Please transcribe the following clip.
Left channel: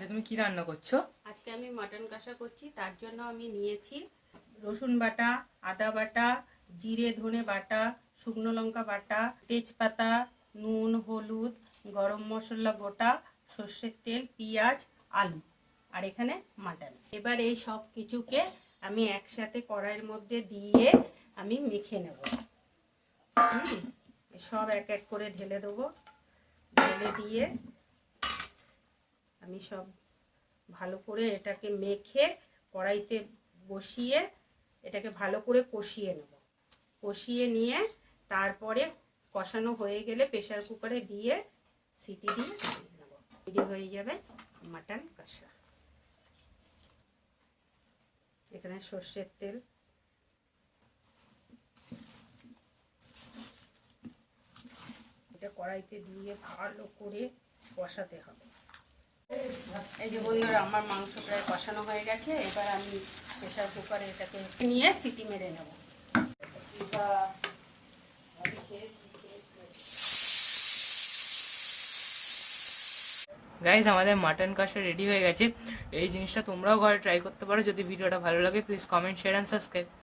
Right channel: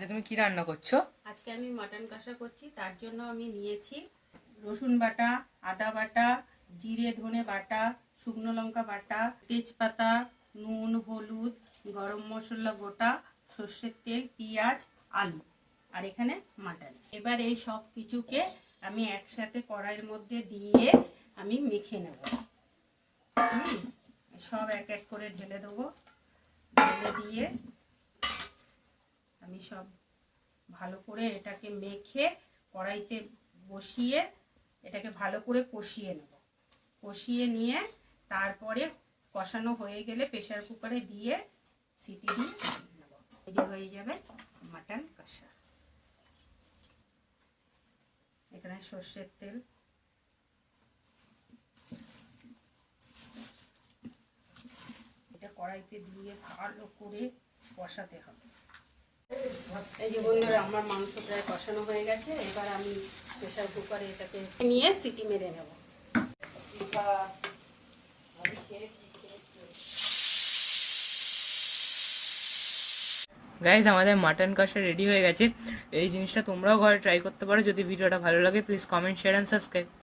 আচ্ছা, তুমি কি রান্না করছো? আজকে আমি মাটন কষা করছি। তার জন্য আমি নিয়েছি রসুন বাটা, আদা বাটা, জিরে ধনে বাটা, শুকনো লঙ্কা বাটা, তেজপাতা, নুন, হলুদ, গরম মশলা গোটা, সর্ষের তেল, পেঁয়াজ, আলু আর এখানে মাটন। এবার এই সব কিছুকে আমি একসাথে কড়াইয়ের মধ্যে দিয়ে আমি মেখে নেব। সব এক এক করে ঢেলে দেবো। ঢেলে দিয়ে আমি সব ভালো করে এটাকে মেখে কড়াইতে বসিয়ে এটাকে ভালো করে কষিয়ে নেব। কষিয়ে নিয়ে তারপরে কষানো হয়ে গেলে প্রেসার কুকারে দিয়ে সিটি দিয়ে নেব। রেডি হয়ে যাবে মাটন কষা। এখানে সর্ষের তেল, এটা কড়াইতে দিয়ে ভালো করে কষাতে হবে। এই যে বন্ধুরা, আমার মাংস প্রায় কষানো হয়ে গেছে। এবার আমি প্রেসার কুকারে এটাকে নিয়ে সিটি মেরে নেব। গাইজ, আমাদের মাটন কষা রেডি হয়ে গেছে। এই জিনিসটা তোমরাও ঘরে ট্রাই করতে পারো। যদি ভিডিওটা ভালো লাগে please comment, share and subscribe.